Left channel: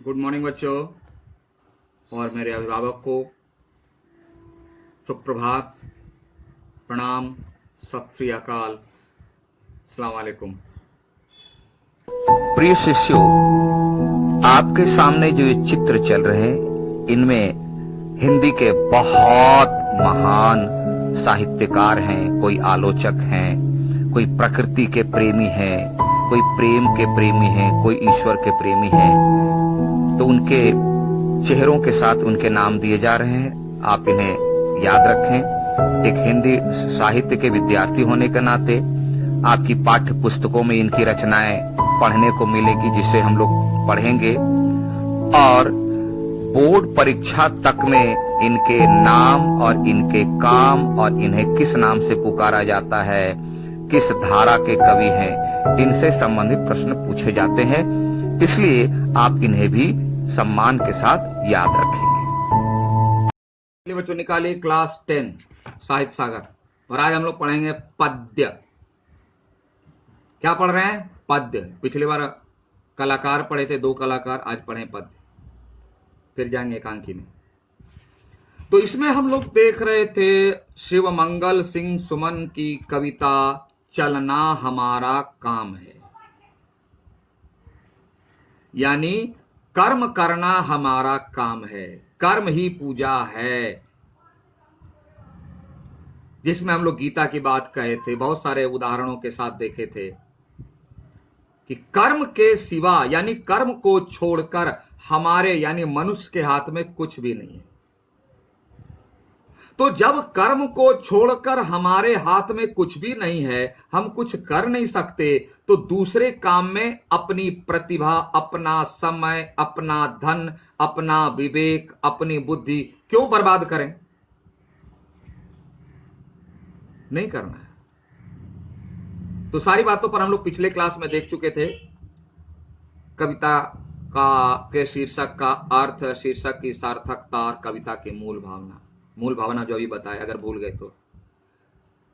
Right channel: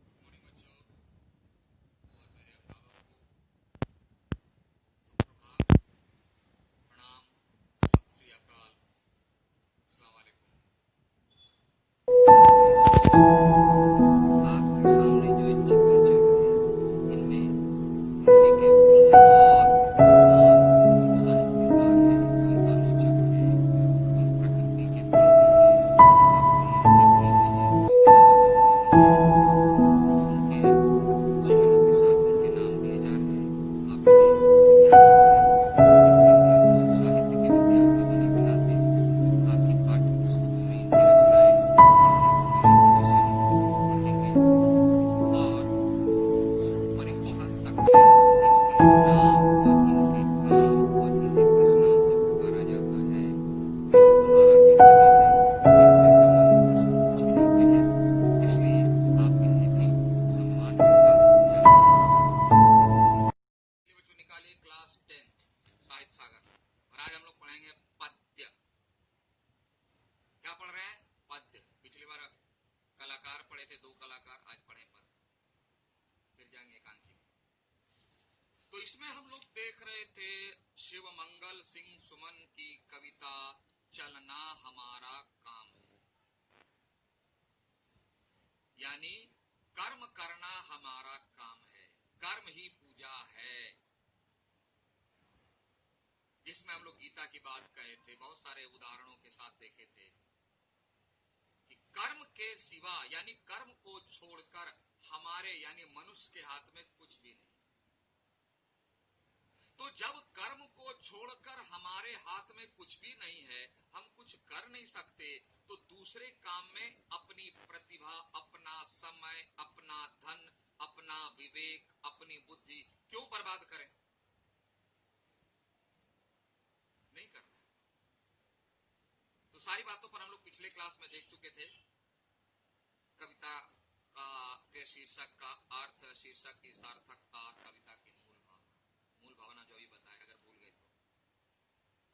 Good morning बच्चों और मेरे अभिभावक को सुप्रभात, प्रणाम, सत श्री अकाल, अस्सलाम वालेकुम। प्रिय शिष्यों, आपके सामने जो ये चित्र चल रहे हैं, इनमें हिंदी के बहुत महान साहित्यकार हैं, कोई आलोचक हैं, कोई प्रकृति के प्रेमी हैं, कोई प्रेम के प्रेमी हैं, कोई ईश्वर के प्रेमी हैं। तो उनके चेहरों के साथ उनके नाम दिए जा रहे हैं। आप इन्हें याद रखें। एक हिंदी साहित्य के विद्यार्थी होने के नाते आपकी पाठ्य पुस्तकों में इनकी रचनाएं पढ़ने को मिलेगी, जिसे हम लोग पढ़ेंगे, और बोर्ड परीक्षा तक में इनके नाम और इनके काम और इन्हें किस नाम से पुकारा जाता है, किस धारा के कवि हैं, इनसे संबंधित प्रश्न पूछे जाते हैं। इसलिए आप इन्हें भी सम्मान के साथ याद रखेंगे। बच्चों निकालिए क्लास 10 साहित्य सागर, और आज हम लोग पढ़ेंगे पद्य। क्या पढ़ रहे हैं? पद्य। पिछली बार कलाकार पढ़े थे, 2 कलाकार, आज पढ़े पद्य, फिर जाएंगे एकांकी में। तो इसमें हम लोग देख रहे थे शिव मंगल सिंह सुमन की कविता चलना हमारा काम है, यानी कर्म करना हमारा काम है, कर्म ही पूजा है। जिसमें हम लोग गीता की बात कहे थे, बहुत सारे उदाहरणों के साथ देखे थे कि कर्म के सिवा यानी कर्म को छोड़कर हमारे यानी मनुष्य के हाथ में कुछ भी नहीं है। तो जब कर्म को छोड़कर हमारे हाथ में कुछ भी नहीं है, हम कुछ कर नहीं सकते, तो दूसरे काम में अपनी प्रतिभा, अपना समय, अपना धन, अपना विवेक, अपनी बुद्धि क्यों बर्बाद करें? नहीं करना है। तो सारी बातों पर हम लोग पिछले क्लास में देख चुके थे। कविता के शीर्षक का अर्थ, शीर्षक की सार्थकता और कविता की मूल भावना जो अभी बताया, अगर भूल गए तो।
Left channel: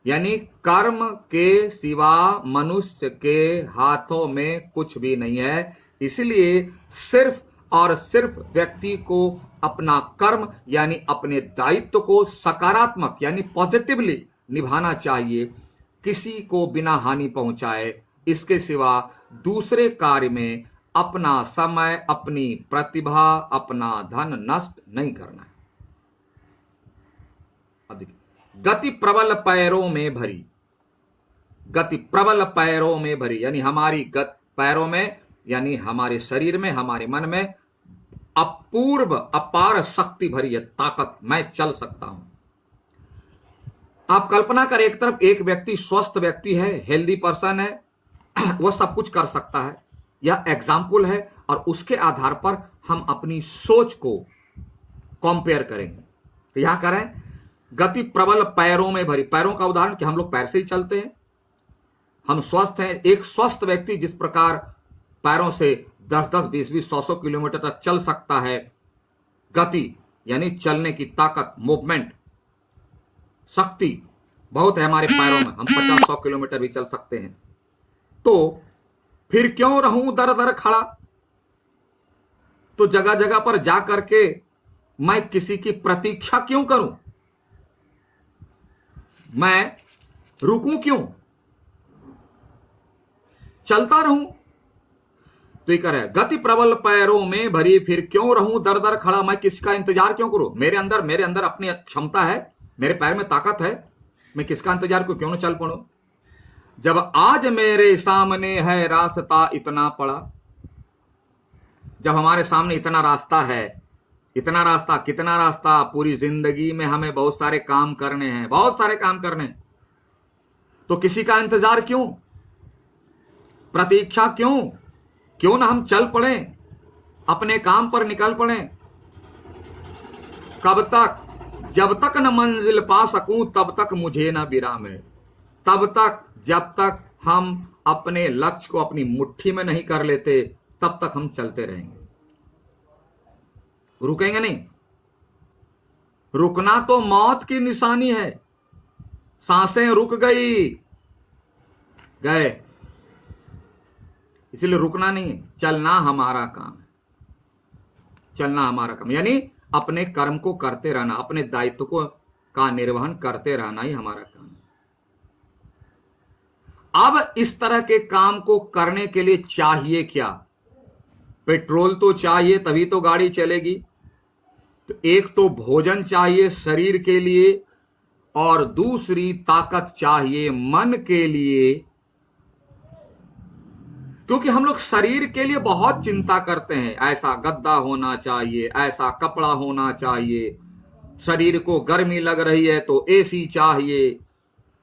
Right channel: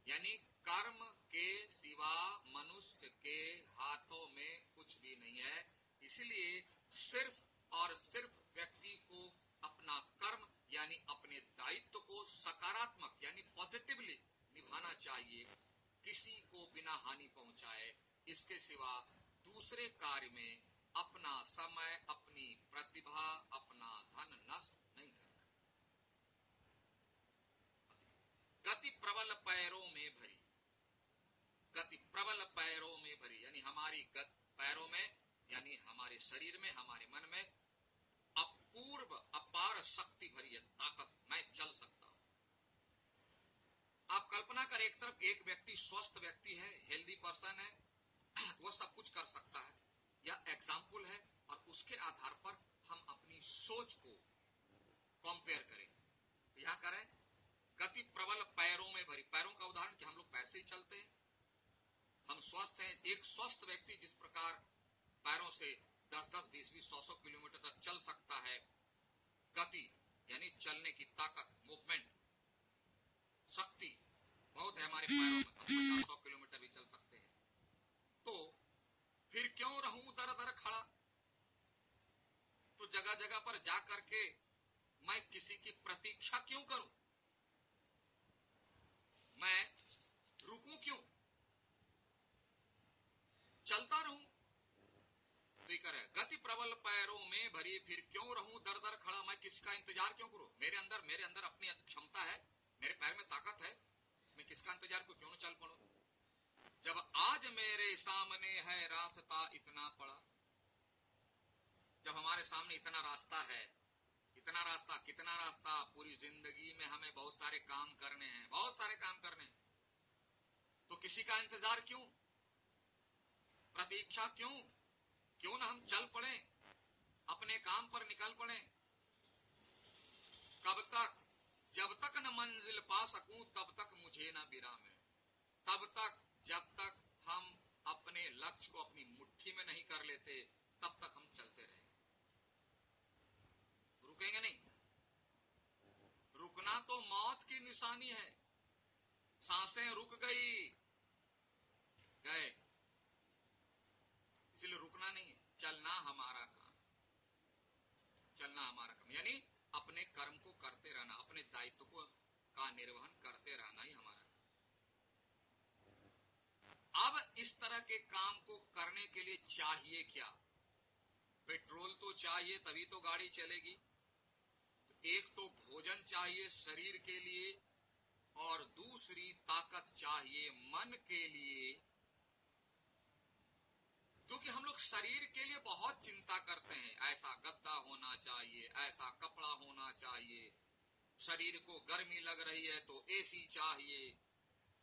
यानी कर्म के सिवा मनुष्य के हाथों में कुछ भी नहीं है, इसलिए सिर्फ और सिर्फ व्यक्ति को अपना कर्म यानी अपने दायित्व को सकारात्मक यानी पॉजिटिवली निभाना चाहिए, किसी को बिना हानि पहुंचाए। इसके सिवा दूसरे कार्य में अपना समय, अपनी प्रतिभा, अपना धन नष्ट नहीं करना है। गति प्रबल पैरों में भरी, गति प्रबल पैरों में भरी, यानी हमारी पैरों में यानी हमारे शरीर में, हमारे मन में अपूर्व अपार शक्ति भरी है, ताकत। मैं चल सकता हूं। आप कल्पना करें, एक तरफ एक व्यक्ति स्वस्थ व्यक्ति है, हेल्दी पर्सन है, वह सब कुछ कर सकता है। यह एग्जाम्पल है, और उसके आधार पर हम अपनी सोच को कंपेयर करेंगे। तो यहां करें गति प्रबल पैरों में भरी। पैरों का उदाहरण कि हम लोग पैर से ही चलते हैं, हम स्वस्थ हैं। एक स्वस्थ व्यक्ति जिस प्रकार पैरों से 10-10, 20-20, 100-100 किलोमीटर तक चल सकता है, गति यानी चलने की ताकत, मूवमेंट, शक्ति बहुत है हमारे पैरों में, हम 50-100 किलोमीटर भी चल सकते हैं। तो फिर क्यों रहूं दर दर खड़ा? तो जगह जगह पर जा करके मैं किसी की प्रतीक्षा क्यों करूं? मैं रुकूं क्यों? चलता रहूं। तो ये कर गति प्रबल पैरों में भरी, फिर क्यों रहूं दर दर खड़ा? मैं किसका इंतजार क्यों करूं? मेरे अंदर अपनी क्षमता है, मेरे पैर में ताकत है, मैं किसका इंतजार क्यों न चल पड़ूं? जब आज मेरे सामने है रास्ता इतना पड़ा, जब हमारे सामने इतना रास्ता है, इतना रास्ता, कितना रास्ता? पूरी जिंदगी में हमें बहुत सारे काम करने हैं, बहुत सारे काम करने हैं। तो किसी का इंतजार क्यों, प्रतीक्षा क्यों? क्यों ना हम चल पड़े, अपने काम पर निकल पड़े। कब तक? जब तक न मंजिल पा सकूं तब तक मुझे ना विराम है। तब तक, जब तक हम अपने लक्ष्य को अपनी मुट्ठी में नहीं कर लेते, तब तक हम चलते रहेंगे, रुकेंगे नहीं। रुकना तो मौत की निशानी है। सांसें रुक गई, गए। इसलिए रुकना नहीं, चलना हमारा काम है। चलना हमारा काम, यानी अपने कर्म को करते रहना, अपने दायित्व को का निर्वहन करते रहना ही हमारा काम है। अब इस तरह के काम को करने के लिए चाहिए क्या? पेट्रोल तो चाहिए, तभी तो गाड़ी चलेगी। तो एक तो भोजन चाहिए शरीर के लिए, और दूसरी ताकत चाहिए मन के लिए। क्योंकि हम लोग शरीर के लिए बहुत चिंता करते हैं, ऐसा गद्दा होना चाहिए, ऐसा कपड़ा होना चाहिए, शरीर को गर्मी लग रही है तो एसी चाहिए।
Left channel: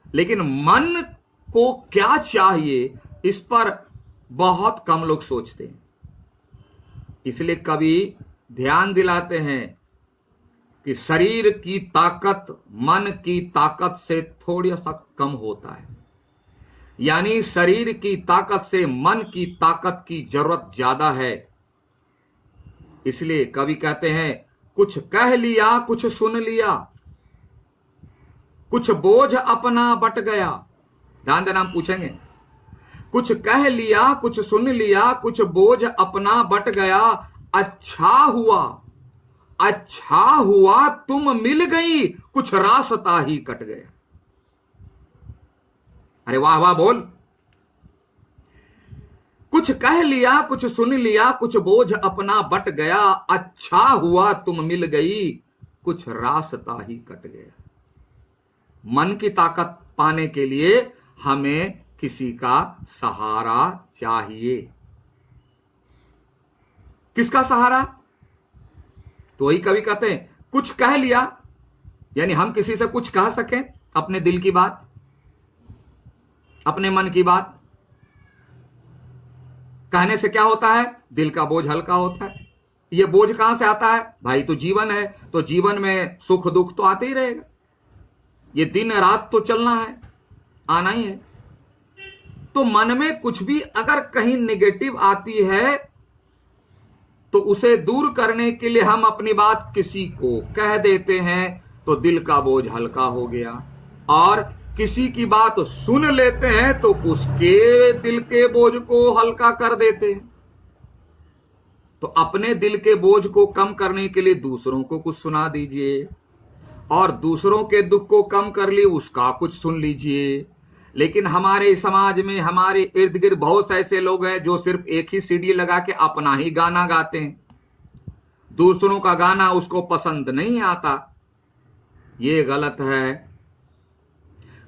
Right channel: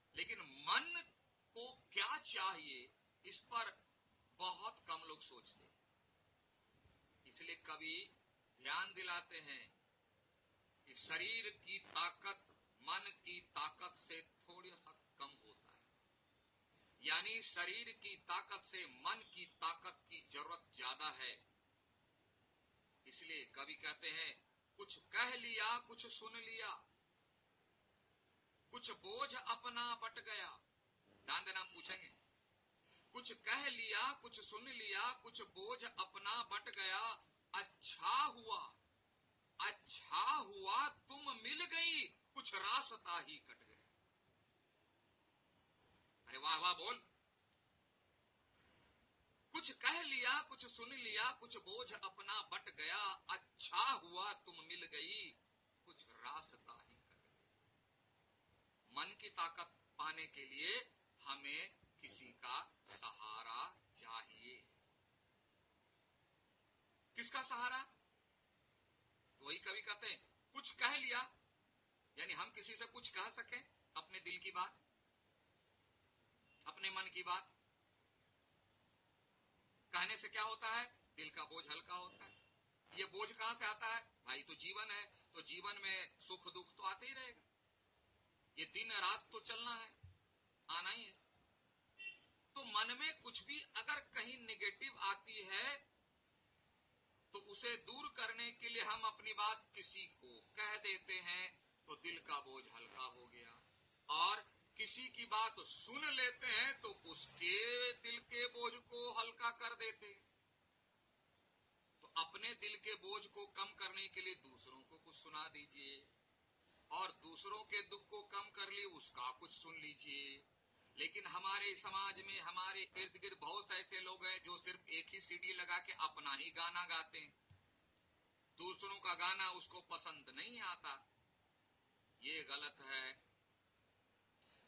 लेकिन मन को क्या चाहिए, इस पर बहुत कम लोग सोचते हैं। इसलिए कभी ध्यान दिलाते हैं कि शरीर की ताकत मन की ताकत से थोड़ा सा कम होता है, यानी शरीर की ताकत से मन की ताकत की जरूरत ज्यादा है। इसलिए कवि कहते हैं, कुछ कह लिया कुछ सुन लिया, कुछ बोझ अपना बट गया। ध्यान देना, हम पूछेंगे, कुछ कह लिया कुछ सुन लिया, कुछ बोझ अपना बट गया, अच्छा हुआ, अच्छा हुआ तुम मिल गई, कुछ रास्ता ही कट गया। अरे वाह वाह बोल। कुछ कह लिया कुछ सुन लिया, कुछ बोझ अपना बट गया, अच्छा हुआ तुम मिल गई, कुछ रास्ता ही कट गया। मन की ताकत पाने के लिए हमें किसी का सहारा चाहिए। किसका सहारा? तो वही कवि कहते हैं, कुछ कह लिया, यानी हम किसी से कुछ कह सकें, अपने दिल की बात, अपने मन की बात। कहने से क्या होता है? दिल का बोझ हल्का होता है। ये बोझ कहां से आता है? भाई तो जीवन है, तो जीवन में सुख दुख तो आते ही रहेगा, ये दिन रात तो चलना है, आना ही है। तो मन में कुछ भी अगर कहीं नेगेटिव आती है तो उसे दूर करने के लिए हम अपनी बात किसी को कह देते हैं, तो दिल का बोझ हल्का हो गया। और किसी की बात सुन लेते हैं तो उसके दिल के बोझ को हल्का कर देते हैं। तो अपने दिल के बोझ को कम करने के लिए दूसरों को कुछ सुना दीजिए, और दूसरों के दुख को कम कर लिए उसका कुछ सुन लीजिए। लेकिन हमारे समाज में, हमारे इर्द गिर्द बहुत से ऐसे लोग हैं जो सिर्फ एक ही सीडी लगा के अपना ही गाना गाते हैं, दूसरों का गाना उसको पसंद नहीं आता। ये गलत है।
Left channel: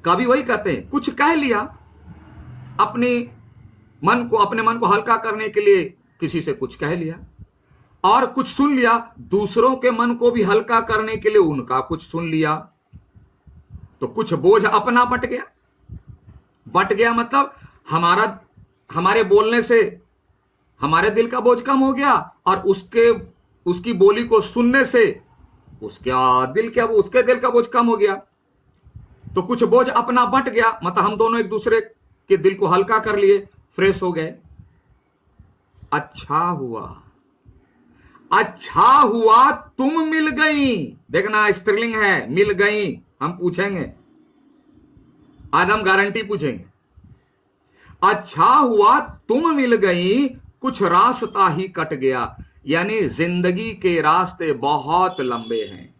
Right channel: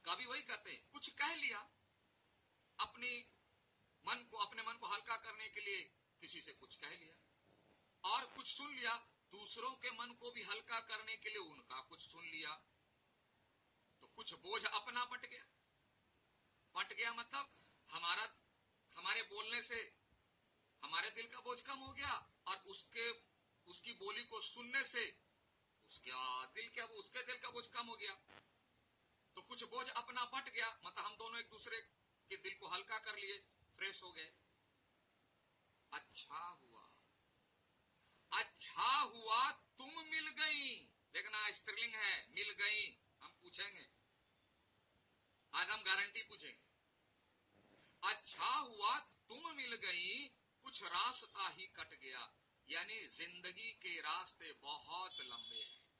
कभी वही कहते हैं, कुछ कह लिया, अपने मन को हल्का करने के लिए किसी से कुछ कह लिया, और कुछ सुन लिया, दूसरों के मन को भी हल्का करने के लिए उनका कुछ सुन लिया, तो कुछ बोझ अपना बट गया। बट गया मतलब हमारे बोलने से हमारे दिल का बोझ कम हो गया, और उसकी बोली को सुनने से उसके दिल का बोझ कम हो गया। तो कुछ बोझ अपना बट गया, मतलब हम दोनों एक दूसरे के दिल को हल्का कर लिए, फ्रेश हो गए। अच्छा हुआ, अच्छा हुआ तुम मिल गई। देखना, स्त्रीलिंग है, मिल गई। हम पूछेंगे, आज हम गारंटी पूछेंगे। अच्छा हुआ तुम मिल गई, कुछ रास्ता ही कट गया, यानी जिंदगी के रास्ते बहुत लंबे हैं,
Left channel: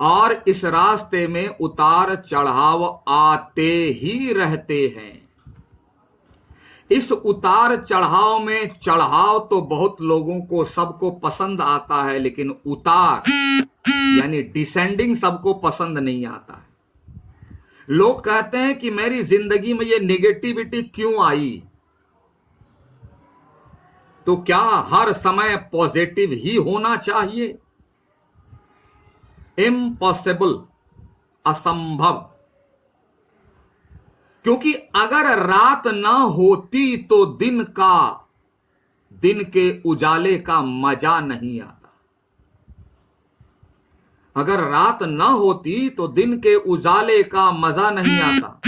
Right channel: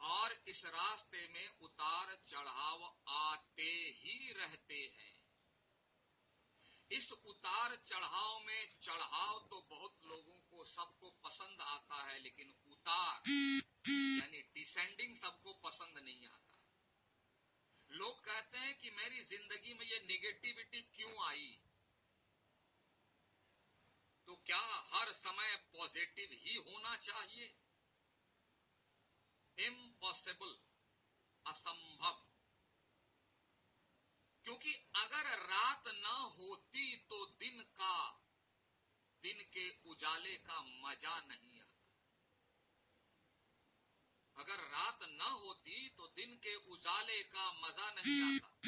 और इस रास्ते में उतार चढ़ाव आते ही रहते हैं। इस उतार चढ़ाव में, चढ़ाव तो बहुत लोगों को, सबको पसंद आता है, लेकिन उतार यानी डिसेंडिंग सबको पसंद नहीं आता है। लोग कहते हैं कि मेरी जिंदगी में ये नेगेटिविटी क्यों आई? तो क्या हर समय पॉजिटिव ही होना चाहिए? इम्पॉसिबल, असंभव। क्योंकि अगर रात ना होती तो दिन के उजाले का मजा नहीं आता। अगर रात ना होती तो दिन के उजाले का मजा नहीं आता।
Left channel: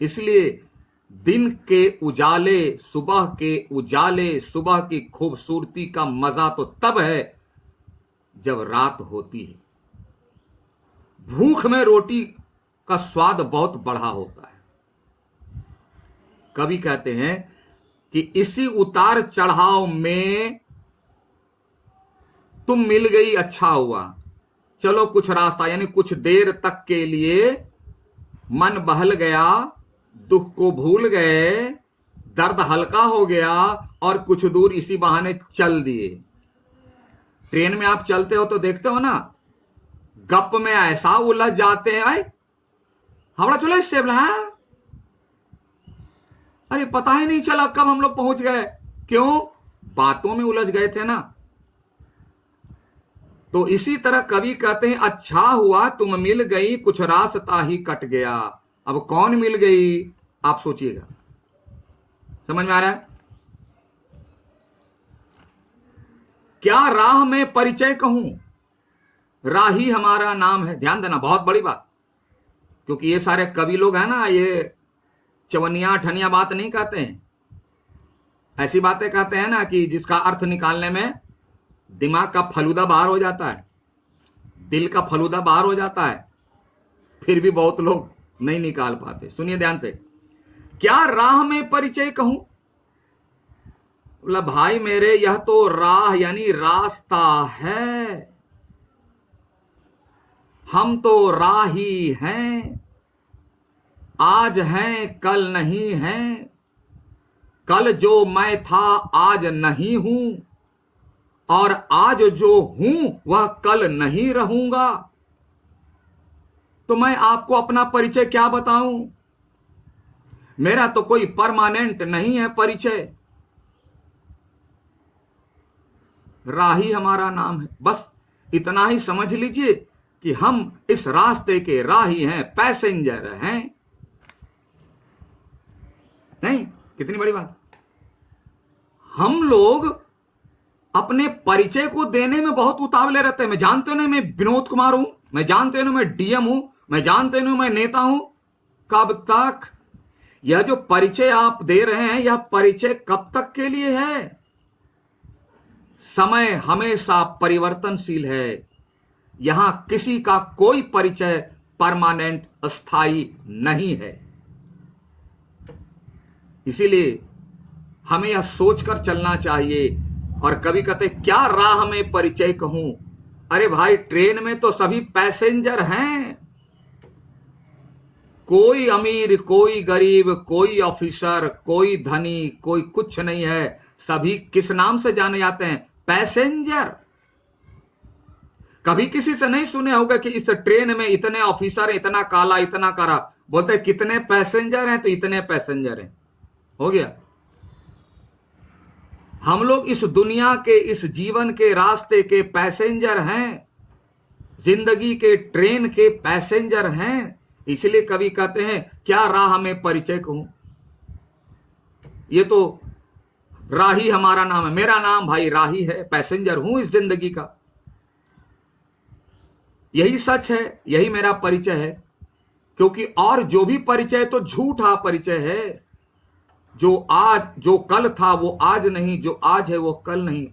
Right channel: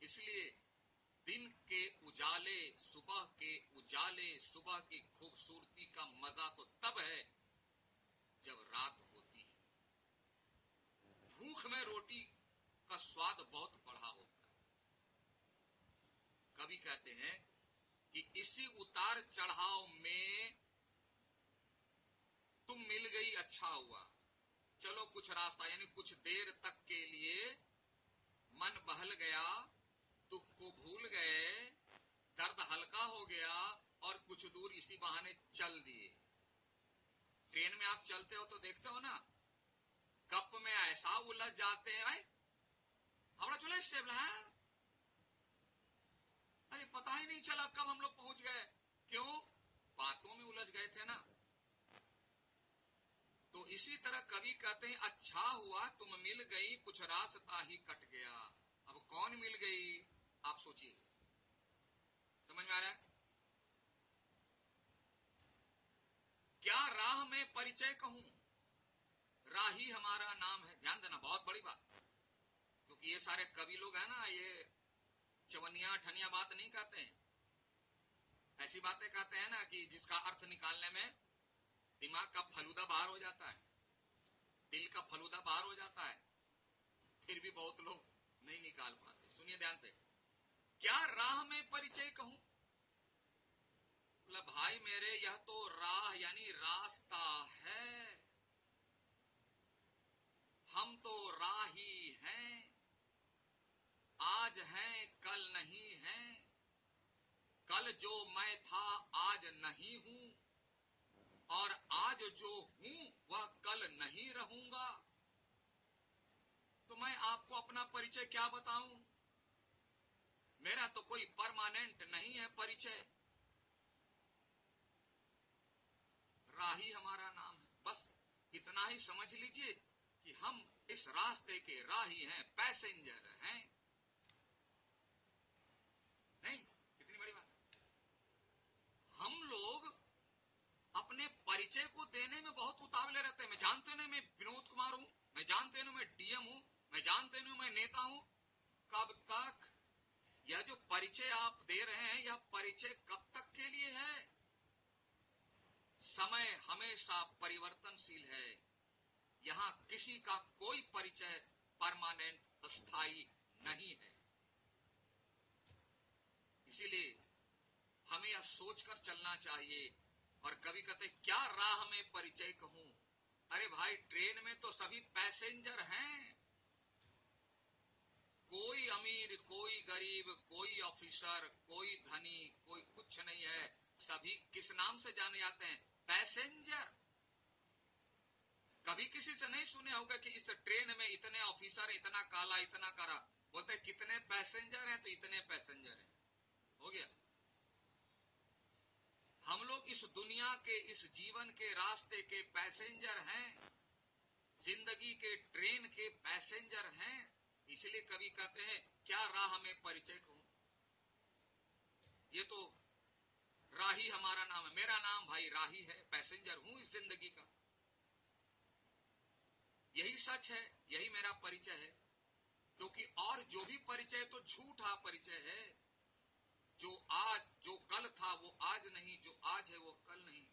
इसलिए दिन के उजाले, सुबह की खूबसूरती का मजा तो तब है जब रात होती है। भूख में रोटी का स्वाद बहुत बढ़ा होता है। कवि कहते हैं कि इसी उतार चढ़ाव में तुम मिल गई अच्छा हुआ, चलो कुछ रास्ता, यानी कुछ देर तक के लिए मन बहल गया, दुख को भूल गए, दर्द हल्का हो गया और कुछ दूर इसी बहाने चल दिए। ट्रेन में आप चलते हो तो देखते हो ना, गप में ऐसा उलझ जाते हैं, भाई हावड़ा चलो इससे बोला, अरे पता ही नहीं चला कब हम लोग पहुंच गए। क्यों? बातों में उलझ गए थे ना। तो इसी तरह कवि कहते हैं, अच्छा हुआ तुम मिल गई, कुछ रास्ता ही कट गया। अब कौन मिल गई, आप सोचिएगा। समझ में आ रहा है? क्या राह में परिचय कहूं, राही हमारा नाम है। ध्यान देना, बहुत बड़ी बात, क्योंकि ये सारे कवि लोग हैं ना, ये चवनिया ठनिया बात नहीं कहते हैं। ऐसी बातें कहते हैं ना कि जिसका अर्थ निकालने में दिमाग का फलूदा बाहर हो जाता है, दिल का फलूदा बाहर हो जाता है, फिर भी बहुत लोग नहीं निकाल पाते। सुनिए ध्यान से, क्या राह में परिचय कहूं, बोला भाई मेरे यह तो राह यानी रास्ता है, हम तो राही हैं, आज हैं कल नहीं हैं, कल जो मैं था आज नहीं हूं, और आज जो हूं वह कल नहीं रहूंगा। तो मैं आपको अपना परिचय क्या बताऊं, मेरा तो कोई परमानेंट नहीं है परिचय, राही हमारा नाम है। बस इतना ही समझ लीजिए कि हम इस रास्ते के राही हैं, पैसेंजर हैं। नहीं, कितनी बड़ी बात। हम लोग अपने परिचय को देने में बहुत उतावले रहते हैं। मैं जानते हो ना मैं विनोद कुमार हूं, मैं जानते हो ना मैं डीएम हूं, मैं जानते हो ना मैं नेता हूं। कब तक? यह जो परिचय आप दे रहे हैं, यह परिचय कब तक के लिए है? समय हमेशा परिवर्तनशील है, यहां किसी का कोई परिचय परमानेंट अस्थाई नहीं है। इसीलिए हमें यह सोचकर चलना चाहिए। और कभी कहते क्या राह में परिचय कहूं, अरे भाई ट्रेन में तो सभी पैसेंजर हैं, कोई अमीर कोई गरीब, कोई ऑफिसर कोई धनी, कोई कुछ नहीं है। सभी किस नाम से जाने जाते हैं? पैसेंजर। कभी किसी से नहीं सुने होगा कि इस ट्रेन में इतने ऑफिसर, इतना काला, इतना काला। बोलते कितने पैसेंजर हैं, तो इतने पैसेंजर हैं, हो गया। हम लोग इस दुनिया के, इस जीवन के रास्ते के पैसेंजर हैं, जिंदगी के ट्रेन के पैसेंजर हैं। इसलिए कवि कहते हैं क्या राह में परिचय कहूं, ये तो राही हमारा नाम है। मेरा नाम भाई राही है, पैसेंजर हूं इस जिंदगी का। यही सच है, यही मेरा परिचय है। क्योंकि और जो भी परिचय तो झूठा परिचय है। जो कल था वो आज नहीं, जो आज है वो कल नहीं।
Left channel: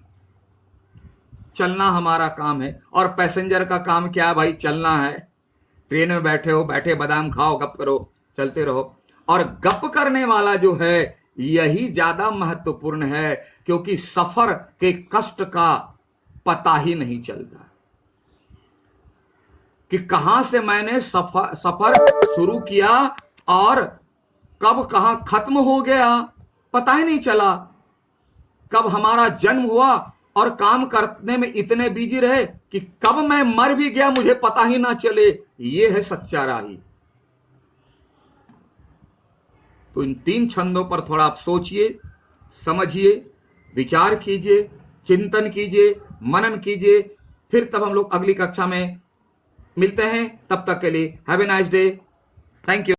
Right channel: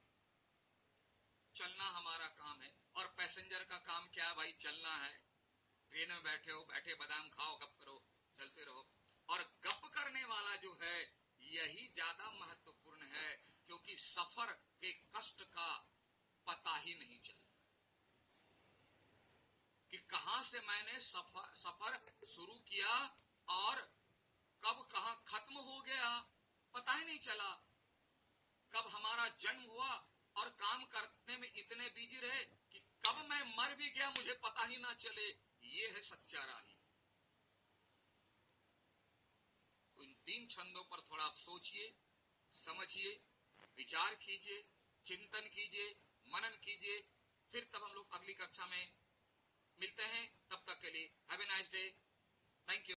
चलना हमारा काम है, और पैसेंजर का काम क्या है भाई? चलना है। ट्रेन में बैठे हो, बैठे बादाम खाओ, गप करो, चलते रहो। और गप करने वाला जो है यही ज्यादा महत्वपूर्ण है, क्योंकि सफर के कष्ट का पता ही नहीं चलता कि कहां से मैंने सफर शुरू किया और कब कहां खत्म हो गया, पता ही नहीं चला। कब हमारा जन्म हुआ और काम करने में इतने बिजी रहे कि कब मैं मर भी गया मुझे पता ही ना चले। ये है सच्चा राही। तो इन 3 छंदों पर थोड़ा आप सोचिए, समझिए, विचार कीजिए, चिंतन कीजिए, मनन कीजिए। फिर तब हम लोग अगली कक्षा में मिलते हैं। तब तक के लिए have a nice day. Thank you.